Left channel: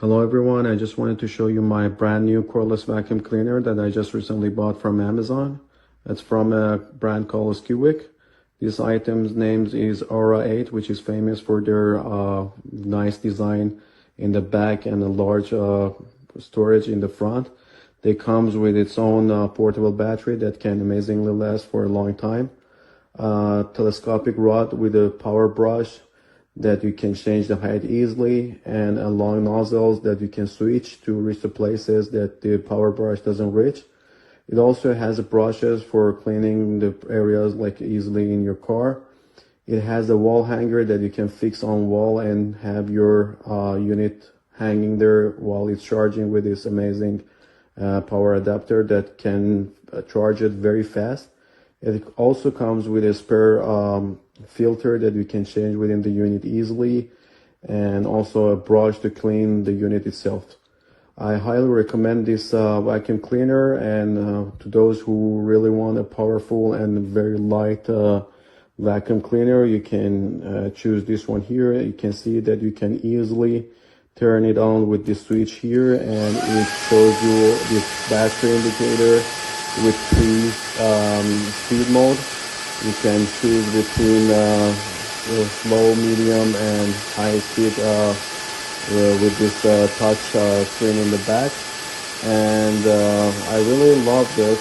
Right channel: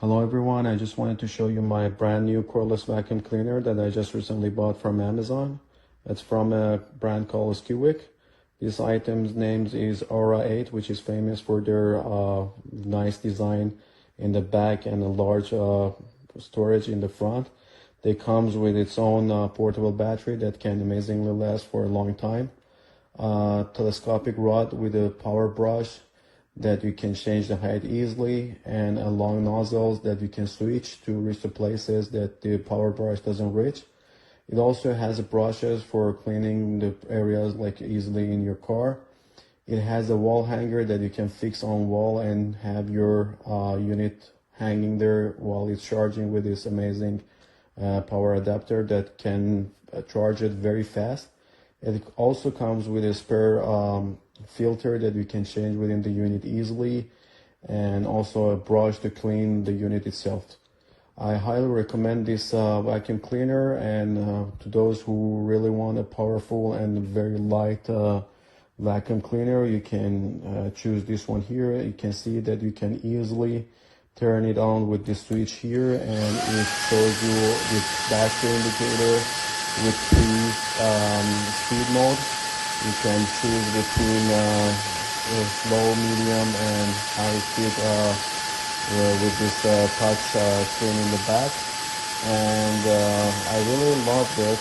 Hello everyone, I just wanted to show you my brand new cordless vacuum cleaner that I just recently bought from Amazon. It's from a brand called SKIWEC. This item's name is Aura 8, which is famous for their nice design in the back and a large storage in the front. It comes with its own portable battery that can amazingly last for a long time. Telescopic rod with a power brush that you can change the height easily, and a long nozzles that you can switch to reach the places that the power brush doesn't reach. It also has brushes for cleaning the areas like easily in your car. It has a wall hanger that you can fix on wall and have your unit hanging there while it's charging with this amazing power adapter that can charge it very fast. It also comes with a spare filter that you can change within the unit easily, and also a brush to clean the unit itself. I highly recommend this vacuum cleaner, and to those who really want a powerful and very light vacuum cleaner, you can choose this one here. You can see that you can easily turn it on with the switch here, and it shows you this battery indicator with three speed mode. You can choose between low, medium, and high speed with this touch screen in the back. And I really love this.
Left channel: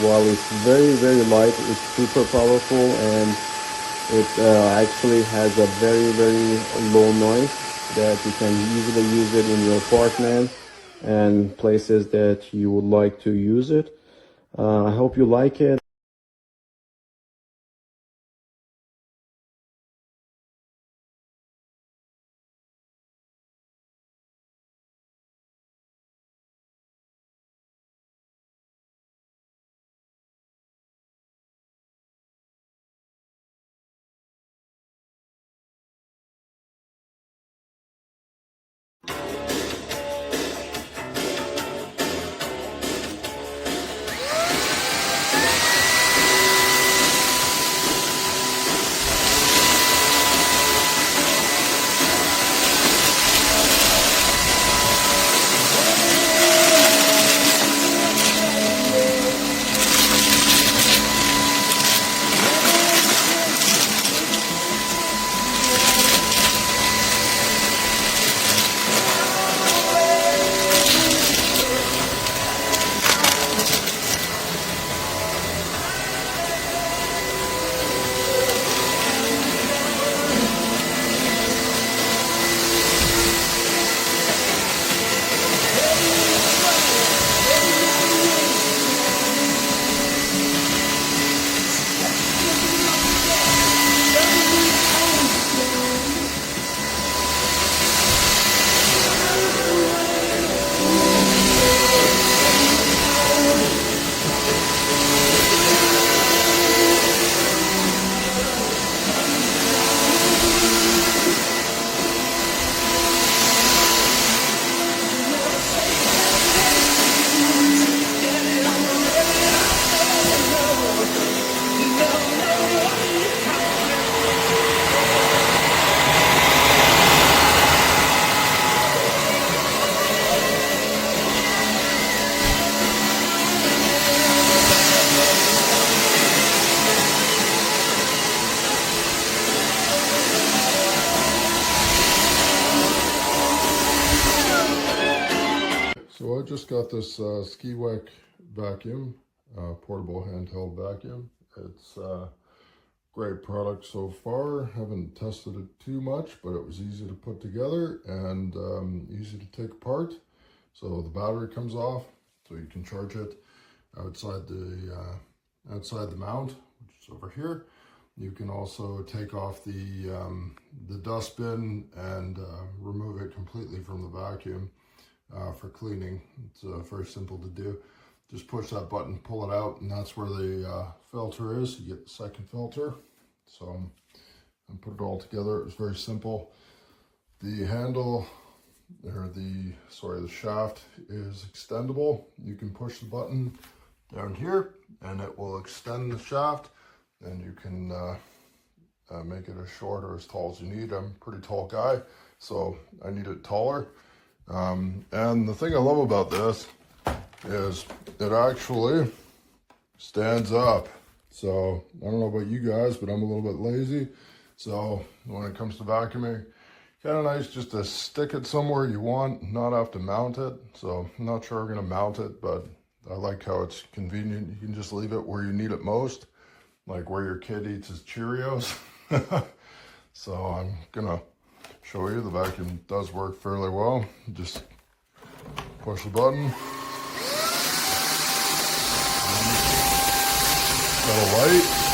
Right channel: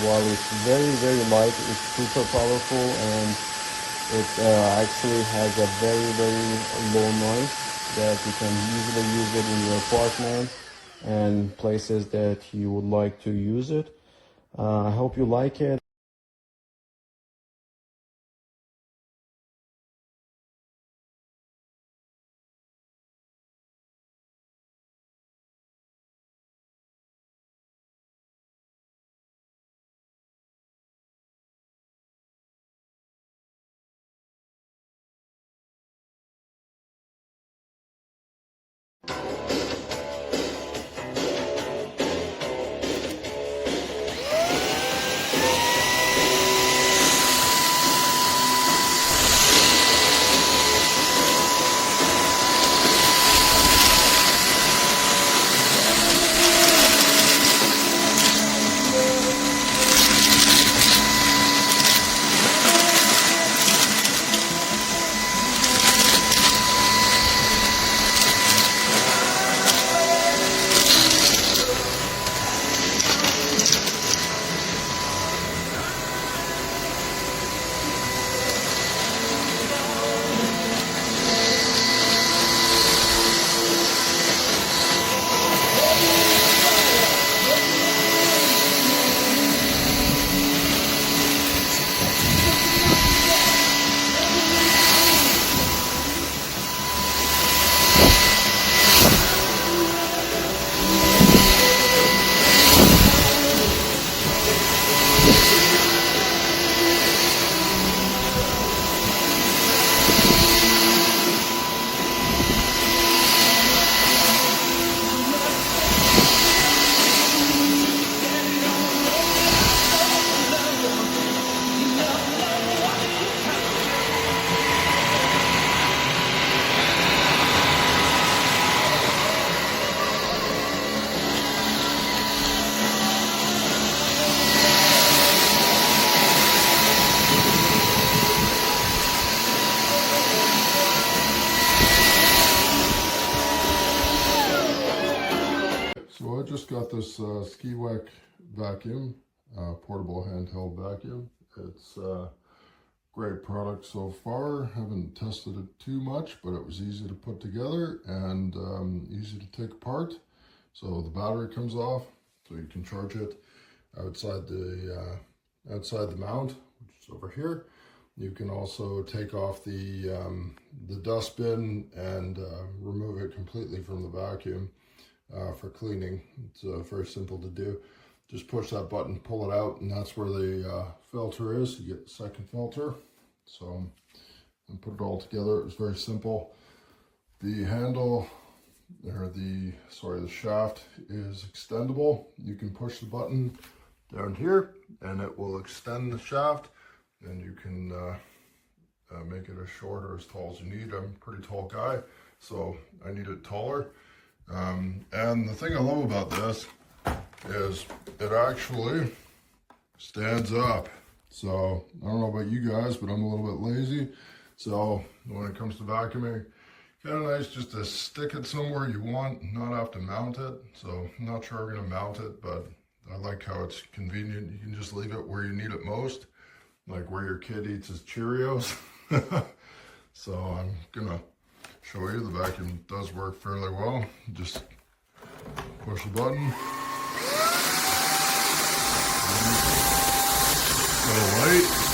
While it's very light, it's super powerful, and it actually has a very low noise that you can easily use it in your apartment and places that you would like to use it. I hope you like it. So I just got this SKIWEC vacuum, portable handheld vacuum. It's a great product so far. Haven't tested it too much, but it was easy to put together and easy to take apart. So the battery comes off, so you can charge it outside the mount, which is over here. You can also take off the dustbin and remove it completely from the vacuum. For cleaning. It's very simple to do. Just push that button, pull it out, and that's where the filter is. You get the second filter. So and put it all together. It was very simple. The handle, or the shaft is extendable. You can push the button down here and it will extend the shaft, and you can make it as short or as tall as you need. I'm a pretty tall guy, so I need it taller. And the thing I love about this is it actually stands up. So I don't know about you guys, but I'm a little bit lazy. So when it comes to vacuuming, kind of nice just to stick it somewhere you want, not have to mount it. So I'm not sure I'm gonna mount it, but I like how it's convenient. You can just leave it where you need it most, like where your kid eats his Cheerios. So I'm gonna show you the vacuum does work fairly well. Just push the button. Got a light.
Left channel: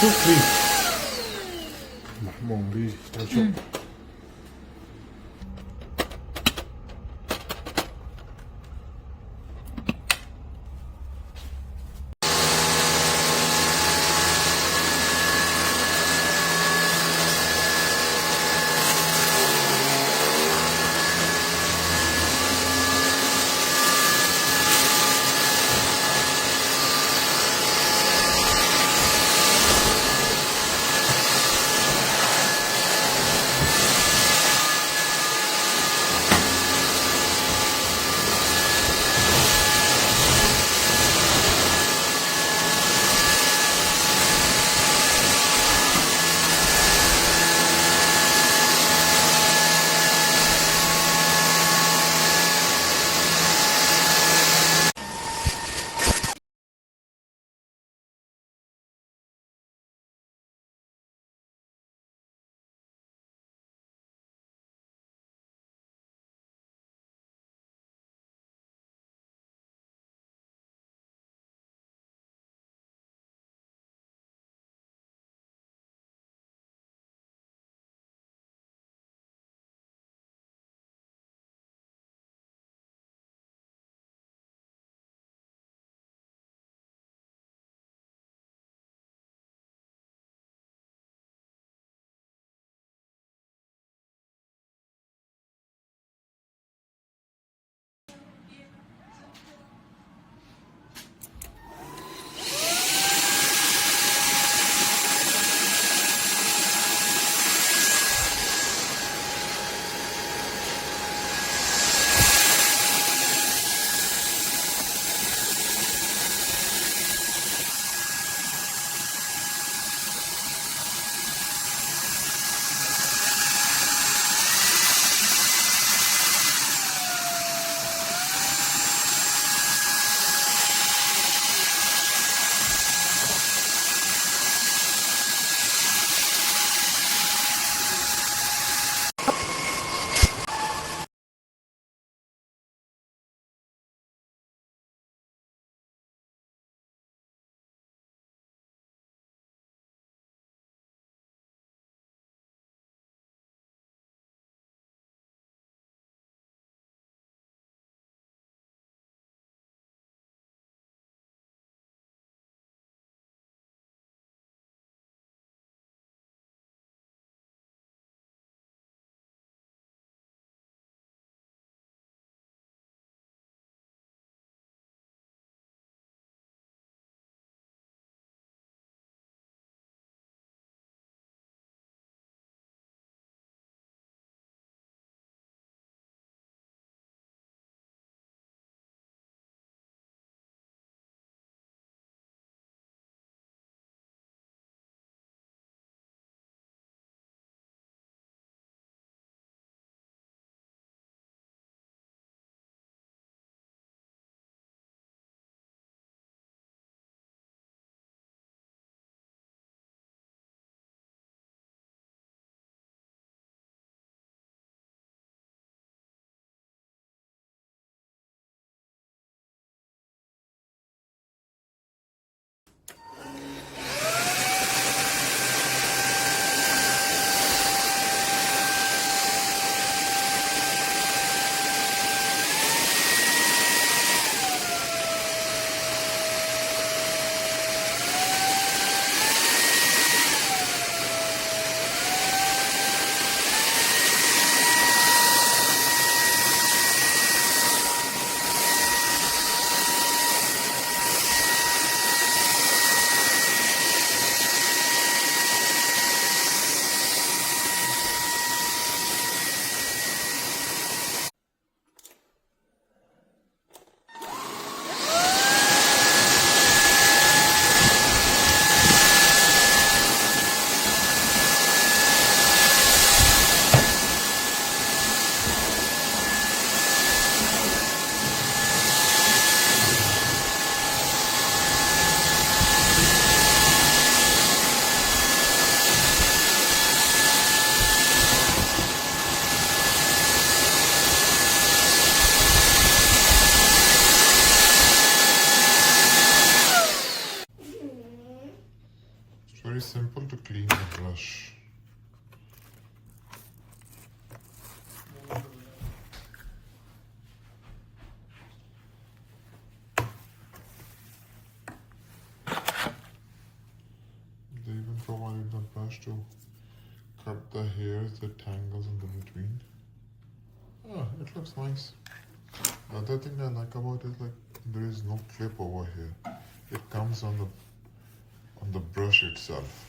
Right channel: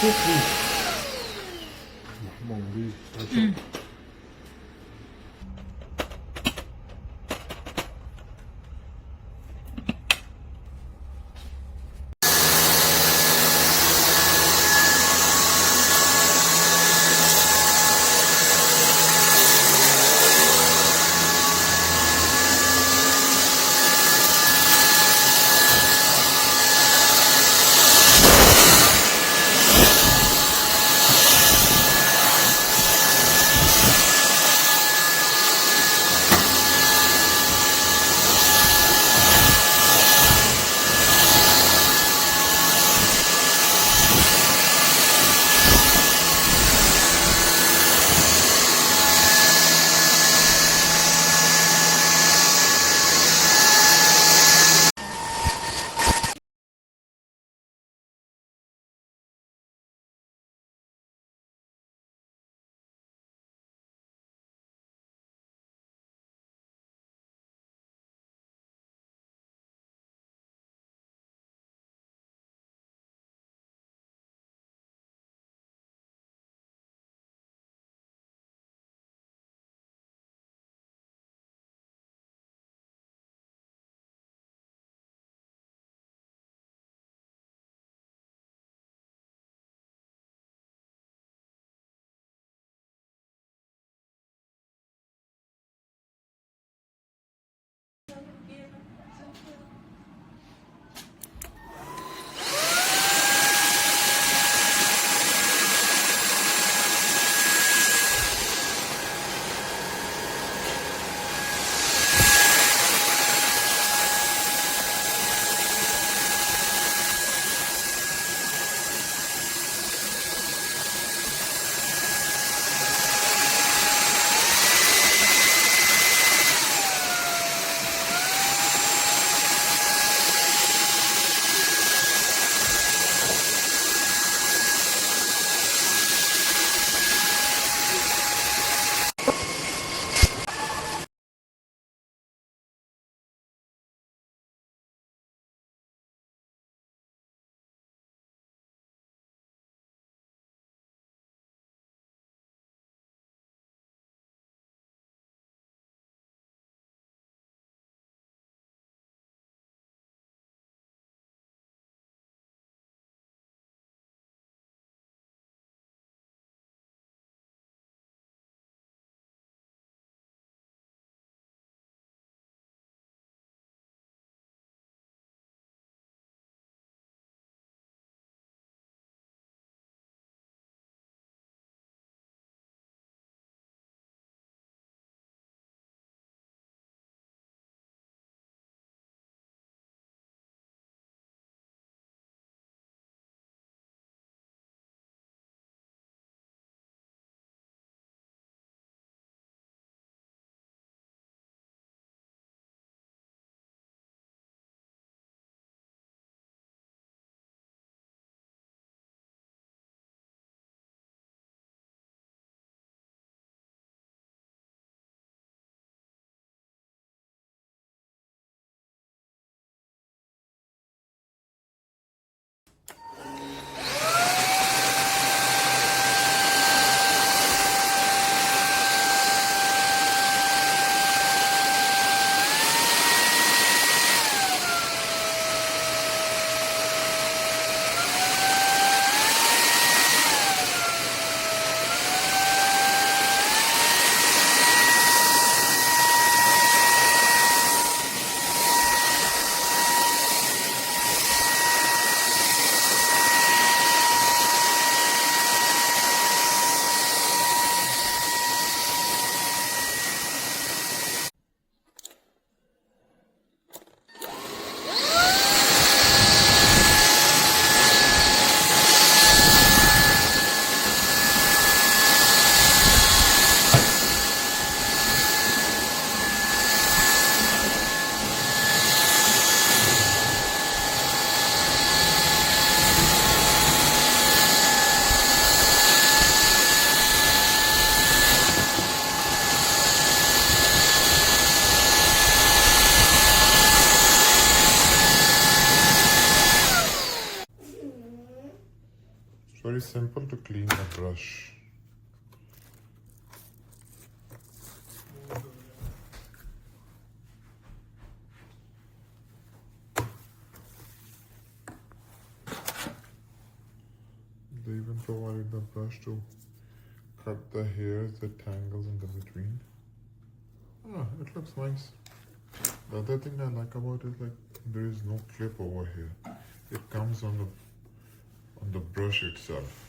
too clean. Come on, B. Watch out. simple to clean the brush. They even provided the brush to cut the hairs, the tangles in the between. Yeah, it looks nice. The other thing I like about it is like there is no clip over here. It comes on the brush itself.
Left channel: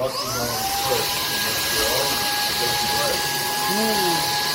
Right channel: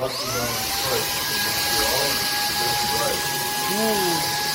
rusty down first, and then you're all to get it right. Ooh.